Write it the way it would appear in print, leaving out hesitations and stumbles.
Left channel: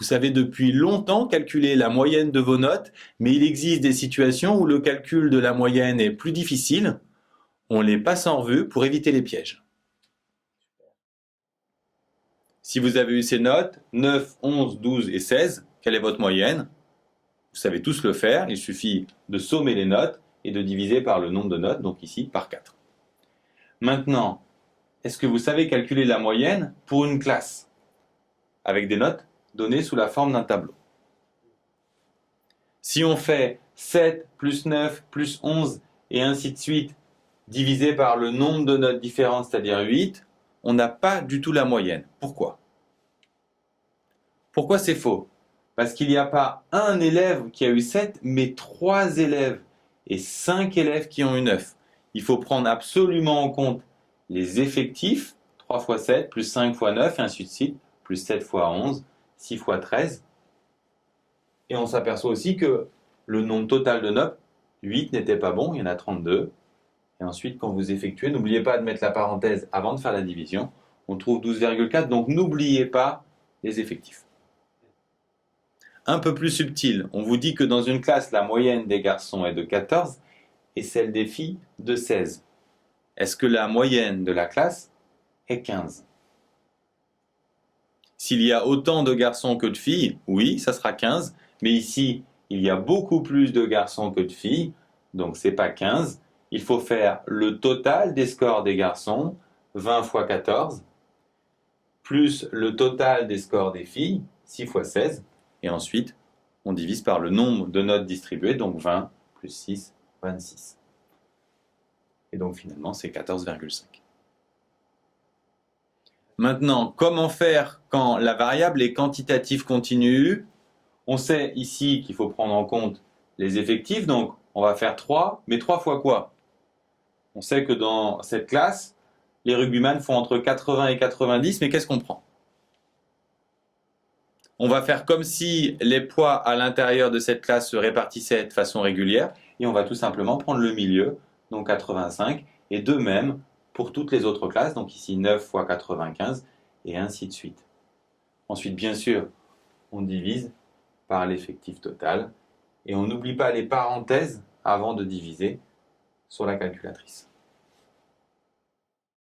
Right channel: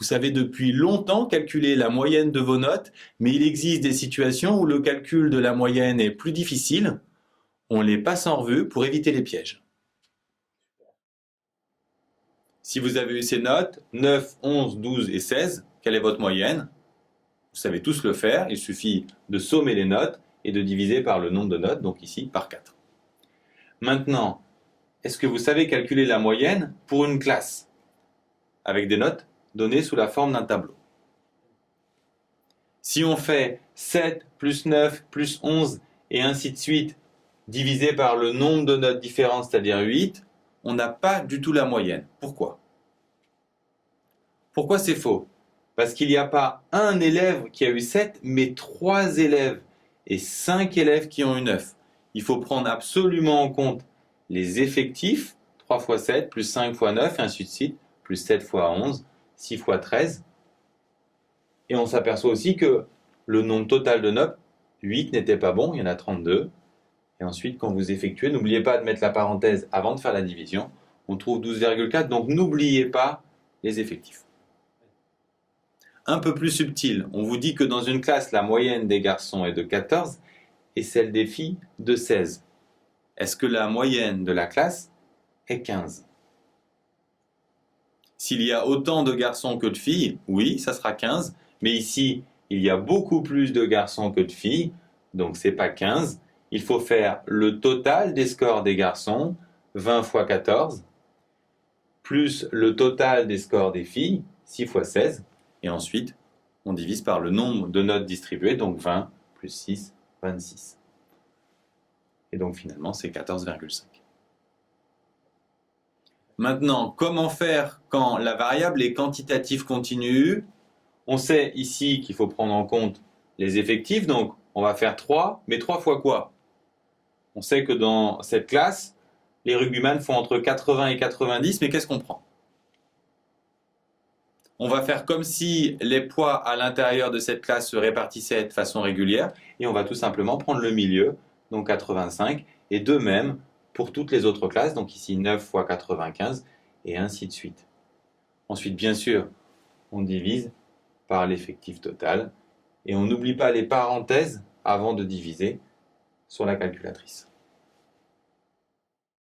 Vous savez depuis longtemps calculer la moyenne de vos notes, mais il existe des situations où le calcul de la moyenne est plus difficile. On les passe en revue pour éviter les pièges. Si vous avez eu ces notes, 9, 11, 12 et 16, quelle est votre moyenne? Vous savez tous le faire, il suffit de sommer les notes et de diviser par le nombre de notes, donc ici par 4. Maintenant, est-ce que vous savez calculer la moyenne pour une classe avec des notes données sous la forme d'un tableau? Si on fait 7 plus 9 plus 11 et ainsi de suite divisé par le nombre de notes différentes, c'est-à-dire 8, on n'a pas du tout la moyenne. Pourquoi? Pourquoi c'est faux? Parce qu'il n'y a pas un élève qui a eu 7, mais 3 élèves et 5 élèves qui ont eu 9. Il faut prendre absolument en compte les effectifs, 3 fois 7 plus 5 fois 9 et ainsi de suite, plus 7 fois 11, 6 fois 13. Et on s'aperçoit aussi que le nombre total de notes, 8 n'était pas bon, il y en a 32. Et ensuite, quand vous effectuez, n'oubliez pas de mettre la parenthèse avant de faire la division. On trouve 12,4, donc n'oubliez pas les effectifs. Un peu plus subtil, on vous dit que dans une classe, la moyenne des garçons est de 14 et celle des filles de 16. Est-ce que la moyenne de la classe est 15? S'il y a autant de garçons que de filles, oui, ça sera 15. Mais ici, il y a beaucoup plus de garçons que de filles, donc c'est pas 15. Il faut faire le total des scores des garçons, 20 fois 14, plus le total des scores des filles, 6 fois 16, et ensuite, on divise par le nombre de notes distribuées, donc 20 plus 6, 26. Et donc finalement, c'est 14,5. Maintenant, comment faire quand la variable est quantitative continue? On sait ici qu'il faut prendre en compte les effectifs, donc on va faire 3, mais 3 fois quoi? On sait que dans cette classe, les rugbyman font entre 80 et 90, mais qu'est-ce qu'on prend? On va faire comme si les poids à l'intérieur de cette classe se répartissaient de façon régulière, et on va tout simplement prendre le milieu, donc 85, et de même pour toutes les autres classes, donc ici 9 fois 95, et ainsi de suite. Ensuite, bien sûr, on divise par l'effectif total, et on n'oublie pas les parenthèses avant de diviser sur la calculatrice.